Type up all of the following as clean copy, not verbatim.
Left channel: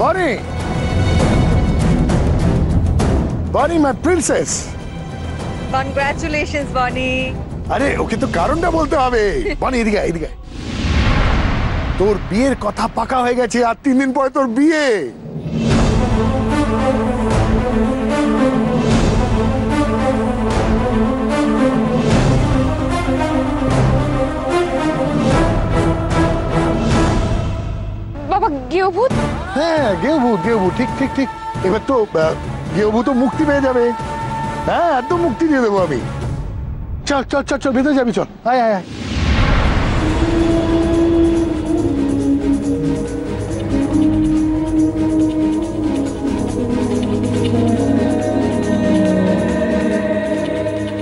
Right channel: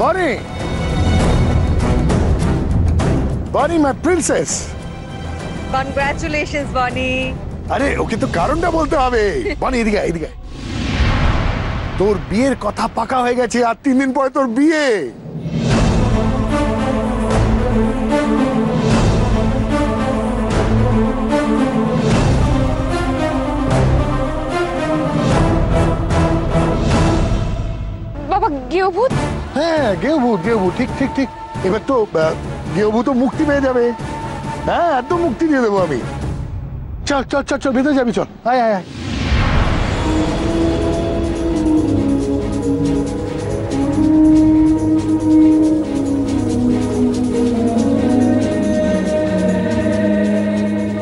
Bonnie! Bonnie, my princess! Congratulations, Bonnie! আরে ওকে তো কারণটা বলতে হবে। বনি এদিকে এদিকে। তোর বিয়ের কথা পাকা হয়ে গেছে, আর 3 দিন পরে তোর বিয়ে। বাবা গেঁয়ো-ভূত? হ্যাঁ গেঁয়ো-ভূত, গেঁয়ো-ভূত, ঠিক ঠিক ঠিক। এবার তো গেঁয়ো-ভূতও মুক্তি পেয়ে যাবে। হ্যাঁ একদম মুক্তি দিয়ে দেবো আমি। চল চল চল চল, ভেতরে যাবি, চল। আয় আয় আয়।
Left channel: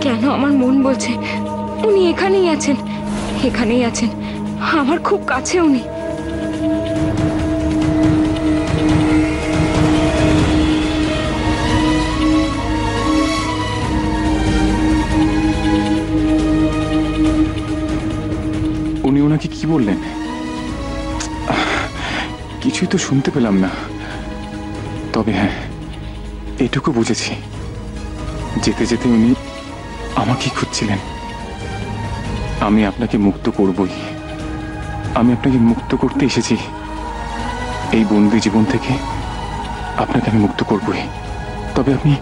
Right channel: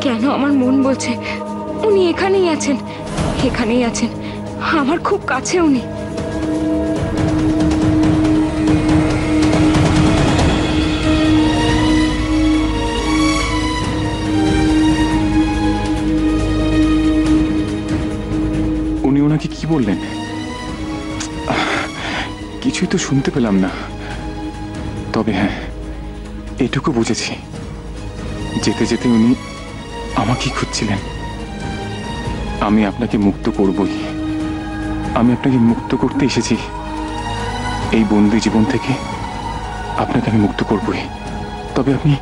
কেন আমার মন বলছে উনি এখানেই আছেন, এখানেই আছেন, আমার খুব কাছে উনি। উনি ওনাকে কি বললেন? কিছুই তো শুনতে পেলাম না। তবে হ্যাঁ, এটুকু বুঝেছি, যেতে যেতে উনি আমাকেই খুঁজছিলেন। আমি আপনাকে মুক্ত করবই, আমি আপনাকে মুক্ত করতে এসেছি। এই বন্দি জীবন থেকে আপনাকে আমি মুক্ত করবই। তবে আপনি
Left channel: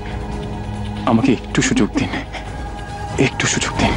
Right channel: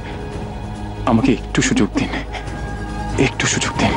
আমাকে একটু সুযোগ দিন, একটু সুযোগ দিন।